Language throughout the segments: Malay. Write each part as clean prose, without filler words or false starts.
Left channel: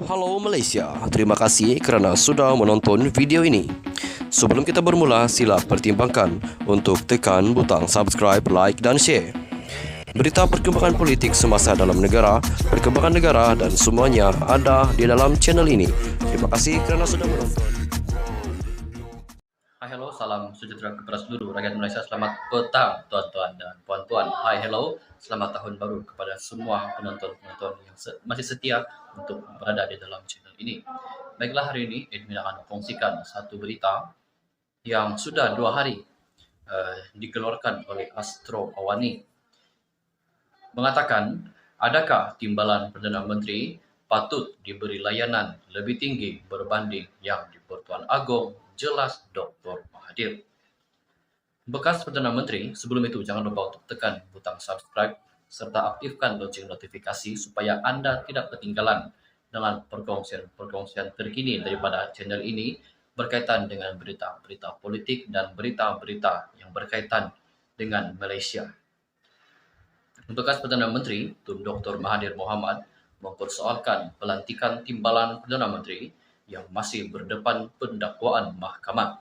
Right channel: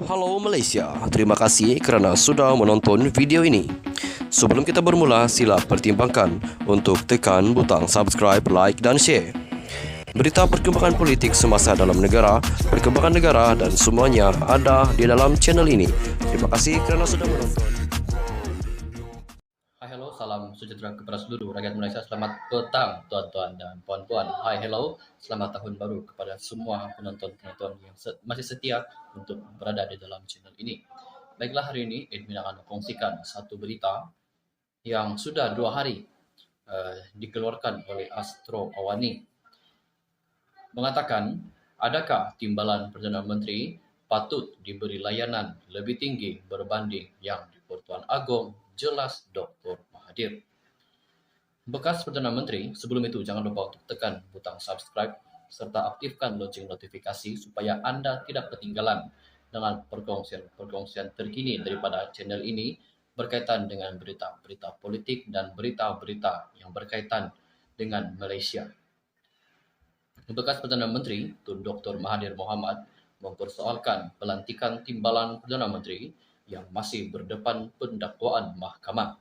Halo Malaysia, terima kasih kerana sudah menonton video ini. Sebelum kita bermula, sila pertimbangkan untuk tekan butang subscribe, like dan share. Berita perkembangan politik semasa dalam negara, perkembangan negara dan semuanya ada di dalam channel ini. Terima kasih kerana sudah menonton. Hai, hello, salam sejahtera kepada seluruh rakyat Malaysia. Selamat petang, tuan-tuan dan puan-puan. Hai, hello, selamat tahun baru kepada semua penonton-penonton yang masih setia untuk berada di dalam channel ini. Baiklah, hari ini admin akan kongsikan satu berita yang sudah 2 hari dikeluarkan oleh Astro Awani. Mengatakan, adakah timbalan Perdana Menteri patut diberi layanan lebih tinggi berbanding yang di Pertuan Agong, jelas Dr. Mahathir. Bekas Perdana Menteri, sebelum itu jangan lupa untuk tekan butang subscribe serta aktifkan lonceng notifikasi supaya Anda tidak ketinggalan dengan perkongsian terkini daripada channel ini berkaitan dengan berita-berita politik dan berita-berita yang berkaitan dengan Malaysia. Bekas Perdana Menteri Tun Dr. Mahathir Mohamad mempersoalkan pelantikan timbalan Perdana Menteri yang masih berdepan pendakwaan mahkamah.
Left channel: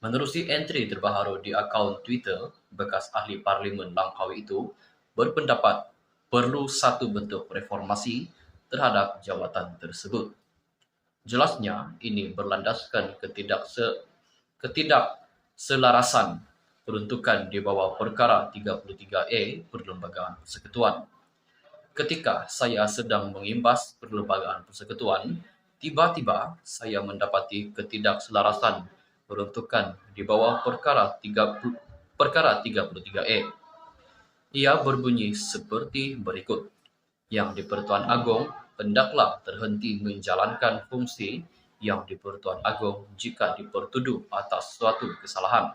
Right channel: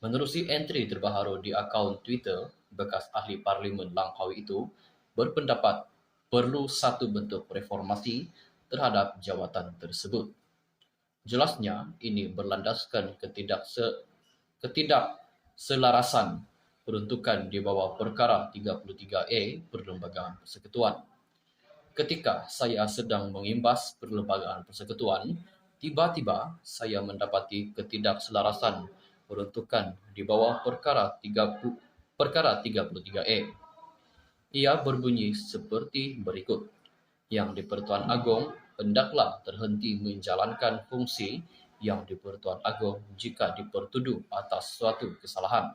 Menerusi entry terbaru di akaun Twitter, bekas ahli Parlimen Langkawi itu berpendapat perlu satu bentuk reformasi terhadap jawatan tersebut. Jelasnya, ini berlandaskan ketidakselarasan peruntukan di bawah perkara 33A Perlembagaan Persekutuan. Ketika saya sedang mengimbas perlembagaan persekutuan, tiba-tiba saya mendapati ketidakselarasan peruntukan di bawah perkara 33E. Ia berbunyi seperti berikut. Yang di Pertuan Agong hendaklah terhenti menjalankan fungsi yang di Pertuan Agong jika dipertuduh atas suatu kesalahan.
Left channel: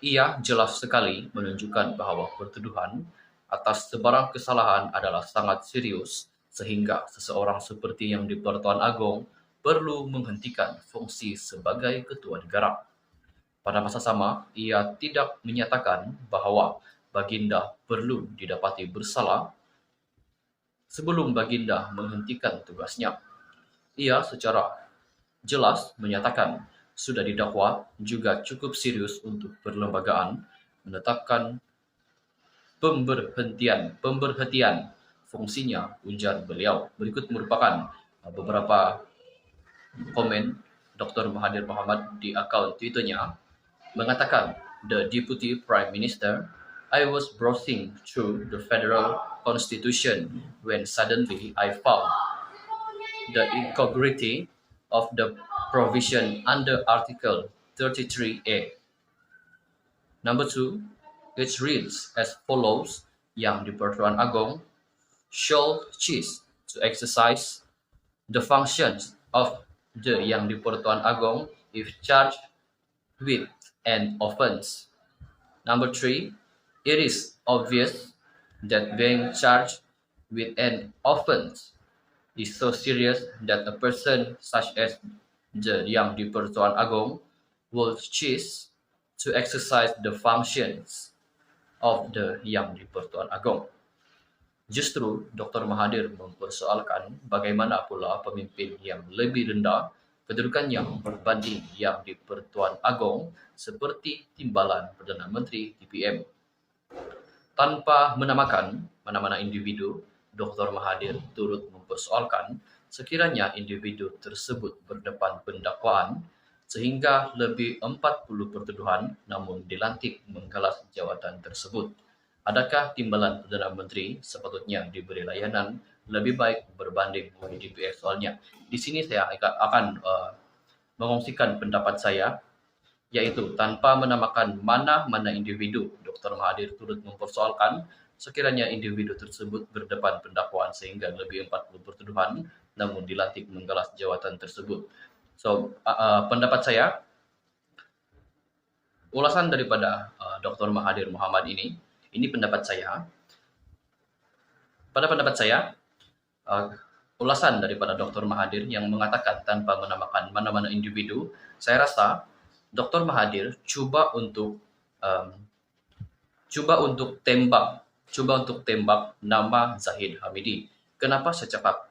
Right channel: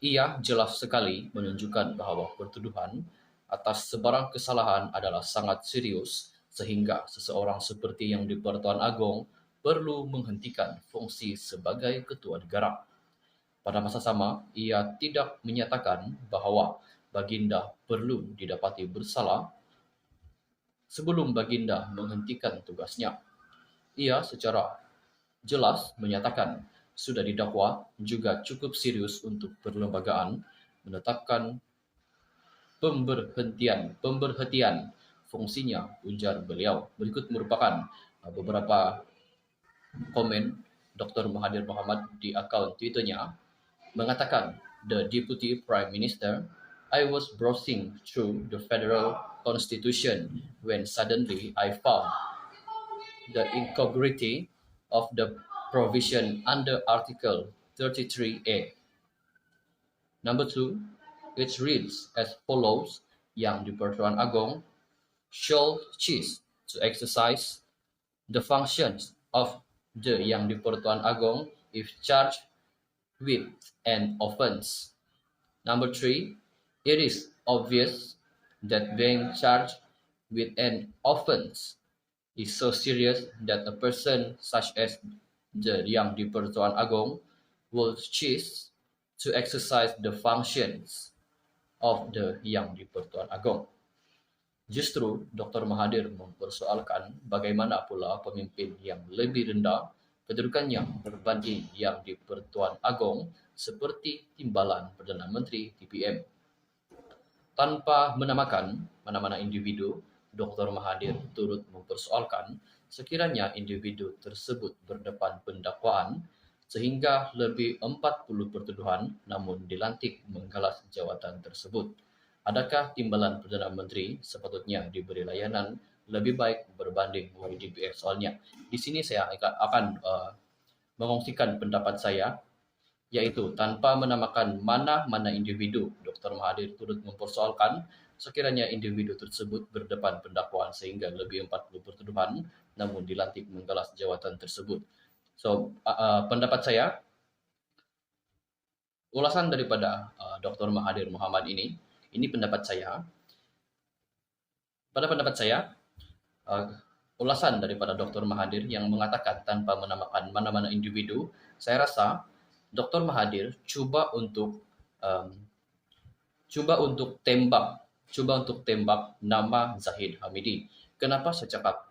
Ia jelas sekali menunjukkan bahawa pertuduhan atas sebarang kesalahan adalah sangat serius sehingga seseorang seperti yang di Pertuan Agong perlu menghentikan fungsi sebagai ketua negara. Pada masa sama, ia tidak menyatakan bahawa Baginda perlu didapati bersalah sebelum Baginda menghentikan tugasnya. Ia secara jelas menyatakan sudah didakwa juga cukup serius untuk perlembagaan menetapkan pemberhentian fungsinya, ujar beliau. Berikut merupakan beberapa komen Dr. Mahathir Mohamad di akaun Twitternya mengatakan, "The Deputy Prime Minister, I was browsing through the federal constitution when suddenly I found the incongruity of the provision under Article 33A. Number 2, it reads as follows, yang di Pertuan Agong shall cease to exercise the functions of the yang di Pertuan Agong if charged with an offence. Number 3, it is obvious that being charged with an offence is so serious that a person such as the Yang di Pertuan Agong will cease to exercise the functions of the Yang di Pertuan Agong. Justru Dr. Mahathir mempersoalkan bagaimana pula pemimpin yang lebih rendah kedudukannya berbanding yang di Pertuan Agong seperti timbalan Perdana Menteri TPM. Tanpa menamakan mana-mana individu, Dr. Mahathir turut mempersoalkan sekiranya individu tersebut berdepan pendakwaan sehingga lebih 40 pertuduhan namun dilantik menggalas jawatan tersebut. Adakah timbalan Perdana Menteri sepatutnya diberi layanan lebih baik berbanding UiDPS? Soalnya, di sini saya akan mengongsikan pendapat saya, yaitu tanpa menamakan mana-mana individu, Dr. Mahathir turut mempersoalkan sekiranya individu tersebut berdepan pendakwaan sehingga lebih 40 pertuduhan namun dilantik menggalas jawatan tersebut. So, pendapat saya, ulasan daripada Dr. Mahathir Mohamad ini pendapat saya. Pada pendapat saya, ulasan daripada Dr. Mahathir yang mengatakan tanpa menamakan mana-mana individu, saya rasa Dr. Mahathir cuba untuk tembak nama Zahid Hamidi. Kenapa saya cakap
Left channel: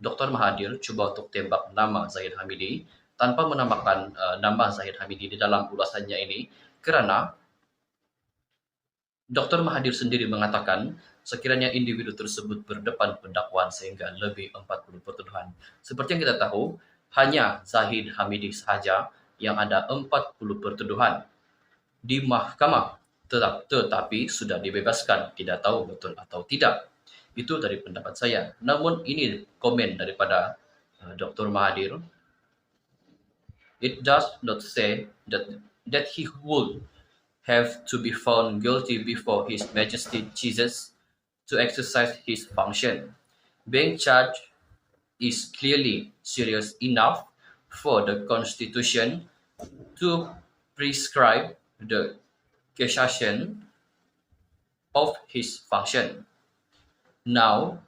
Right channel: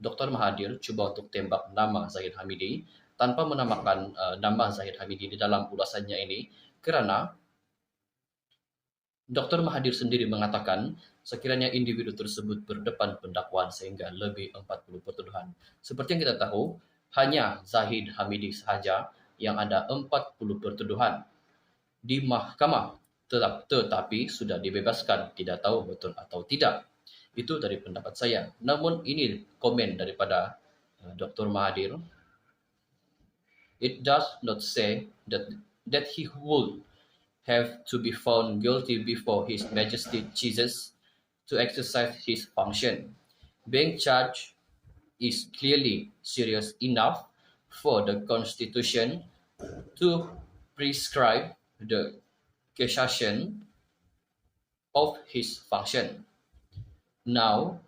Dr. Mahathir cuba untuk tembak nama Zahid Hamidi tanpa menamakan nama Zahid Hamidi di dalam ulasannya ini, kerana Dr. Mahathir sendiri mengatakan sekiranya individu tersebut berdepan pendakwaan sehingga lebih 40 pertuduhan. Seperti yang kita tahu, hanya Zahid Hamidi sahaja yang ada 40 pertuduhan di mahkamah, tetapi sudah dibebaskan, tidak tahu betul atau tidak. Itu dari pendapat saya. Namun ini komen daripada Dr. Mahathir. It does not say that he would have to be found guilty before His Majesty Jesus to exercise his function. Being charged is clearly serious enough for the Constitution to prescribe the cassation of his function. Now,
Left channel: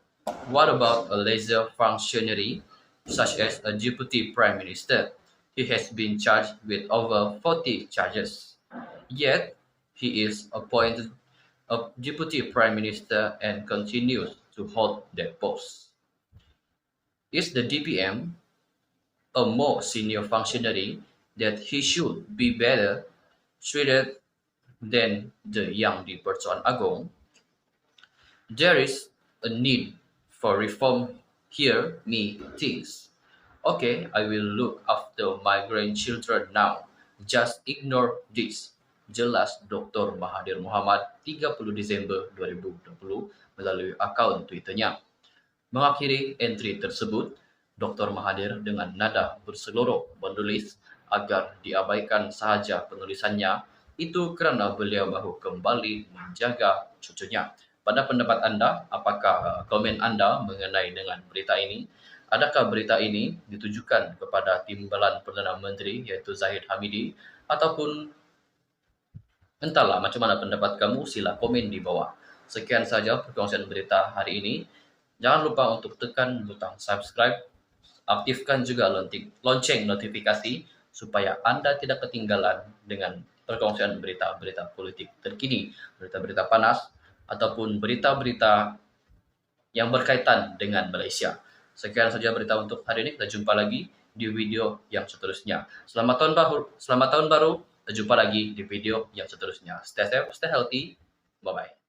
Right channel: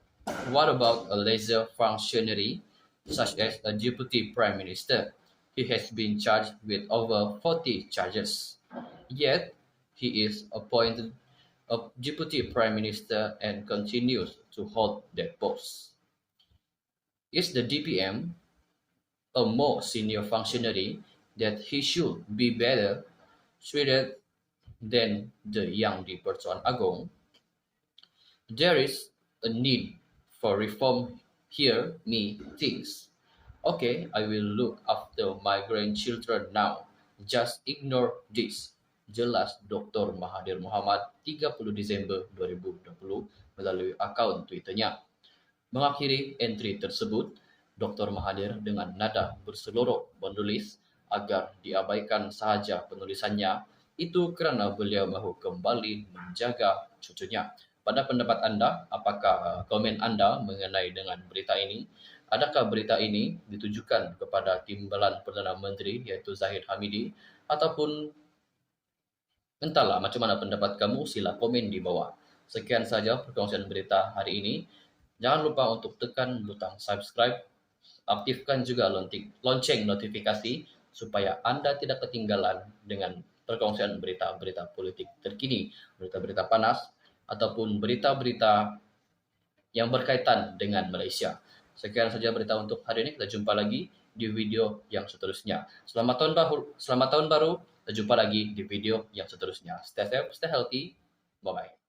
what about a lesser functionary such as a deputy prime minister? He has been charged with over 40 charges. Yet, he is appointed a deputy prime minister and continues to hold that post. Is the DPM a more senior functionary that he should be better treated than the Yang di-Pertuan Agong? There is a need for reform here, me thinks. Okay, I will look after my grandchildren now. Just ignore this. Jelas Dr. Mahathir Mohamad 30 Disember 2020 melalui akaun Twitternya. Mengakhiri entry tersebut, Dr. Mahathir dengan nada berseloroh menulis agar diabaikan sahaja penulisannya, itu kerana beliau mahu kembali menjaga cucunya. Pada pendapat anda, apakah komen anda mengenai dengan berita ini? Adakah berita ini ditujukan kepada timbalan Perdana Menteri iaitu Zahid Hamidi, ataupun entahlah macam mana pendapat kamu, sila komen di bawah. Sekian saja perkongsian berita hari ini. Jangan lupa untuk tekan butang subscribe, aktifkan juga lonceng notifikasi supaya anda tidak ketinggalan dengan perkongsian berita-berita politik terkini, berita-berita panas, ataupun berita-berita yang berkaitan dengan Malaysia. Sekian saja berita untuk hari ini. Kita jumpa lagi di video yang seterusnya. Selamat tahun baru. Kita jumpa lagi di video yang seterusnya. Stay safe, stay healthy. Bye-bye.